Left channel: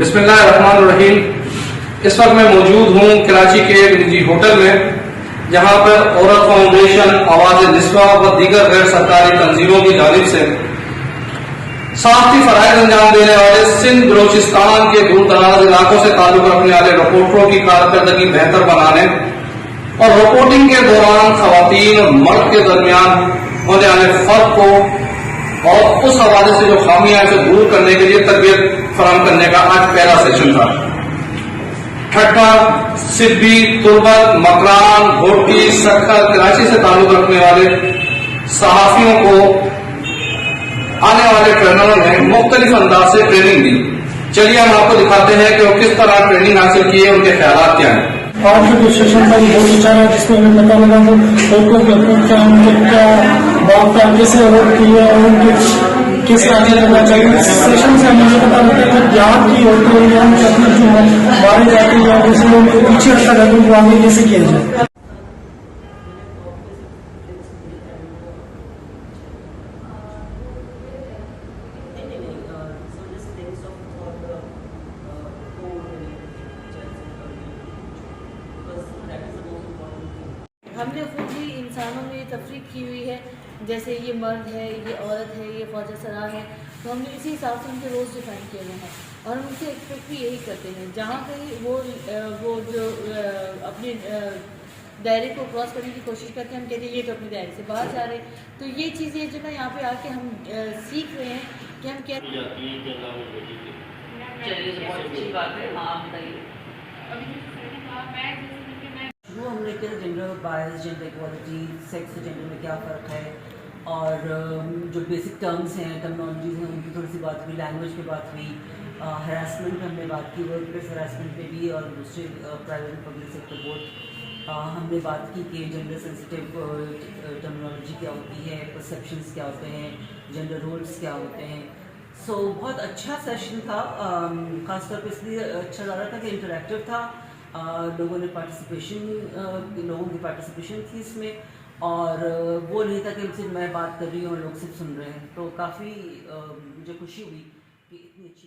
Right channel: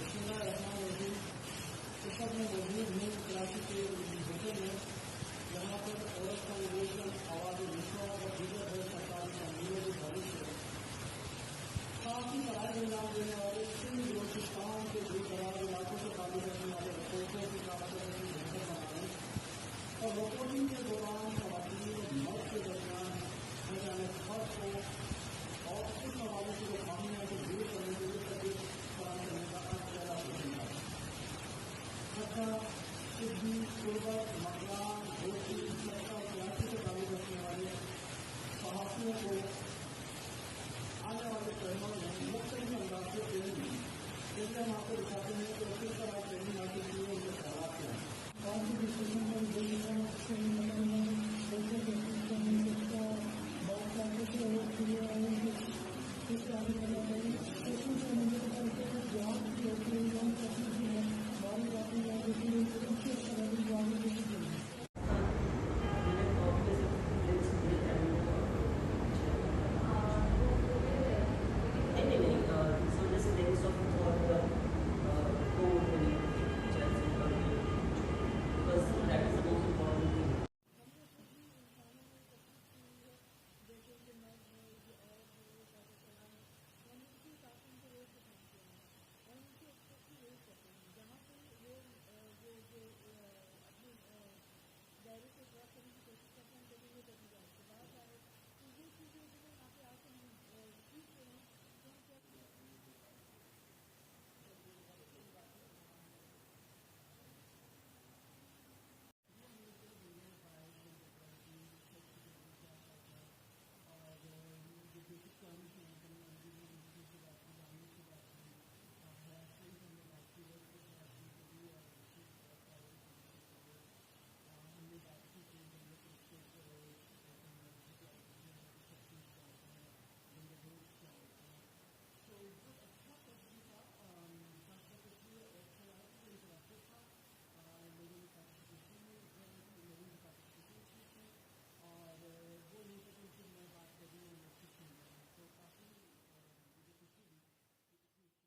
बिस्मिल्लाहिर्रहमानिर्रहीम। इस वक्त मैं मौजूद हूँ कराची के एक निजी होटल में, जहाँ पर औरत फाउंडेशन, आवाज़ निस्वा व दीगर गैर सरकारी तंजीमों की जानिब से साख्ती फराइज अंजाम देने वाले सिंध बलोचिस्तान के दूर दराज इलाकों से ताल्लुक रखने वाले रिपोर्टरों की कारकर्दगी बेहतर बनाने और रिपोर्टिंग के दौरान खवातीन और मर्द के दरमियान होने वाले फर्क को और उस हवाले से जो खामियां से दूर करने के लिए तरबियत फराहम करने का आज पहला सेशन था। ठट्टा, सिब्बी, तुर्बत, मकरान, घोटी, सक्खर, कराची से ताल्लुक रखने वाले सहाफियों को आने वाले ट्रेनरों ने मुख्तलिफ अंदाज से ट्रेनिंग दी। चलिए हम आपको दिखाते हैं कि वो किस तरह ट्रेनिंग हासिल की है, उनके ख्याल क्या हैं। आज जो सेशन था बहुत अच्छा रहा, जिसमें हमें पता लगा कि औरतों के हकूक क्या, उनके क्या बात का कैसे औरत की है और उनके किस आगे करना चाहिए। इस सेशन से हमें ये पता लगता है कि बिहार की औरतें या उनके अपने जो मारे जाते हैं या जैसे उनको पीछे रखा जाता है, उनको आगे कैसे किया जाए। हमने खुद ही इंसानों में तफरीक की हुई है, जैसे ये मर्द है, ये औरत है, ये फौजा सरार है, तो हमने इसी हिसाब से उनके रोज़ डिफाइन किए हुए हैं और हम उनसे एक्सपेक्ट भी यही करते हैं। जहाँ कहीं वो जो अपने दायरे को क्रॉस करने की कोशिश करते हैं, हम कहते हैं ये तो अपने दायरे से बाहर जा रहे हैं। तो ये चीज़ें जो ना यहाँ पे आके हम सीख रहे हैं कि हम क्या वो हमने किया gender bias, gender equality, sex और जेंडर में क्या फ़र्क है और जो बेसिक टर्म्स हैं, टर्मिनोलॉजीज हैं, उनकी थोड़ी सी बात हुई, लैंग्वेज पे बात हुई, हरासमेंट पे हमने बात की, वर्क प्लेस हरासमेंट पे भी और दूसरे प्राइवेट और पब्लिक सेक्टर बोथ हमने बात की कि जेंडर सेंसिटिव टर्मिनोलॉजी क्या होती है, परसेप्शंस क्या होते हैं, जेंडर रोल्स क्या होते हैं। सो बहुत अच्छा सेशन था, ख़ासतौर पर इसलिए अच्छा लग रहा था कि इंटरेक्टिव था। लोगों की पार्टिसिपेशन थी इसमें और वो नहीं था कि सिर्फ मैं बात कर रही हूँ और लोग सिर्फ सुन रहे हैं। तो काफ़ी मुझे खुशी हुई कि इतनी अच्छी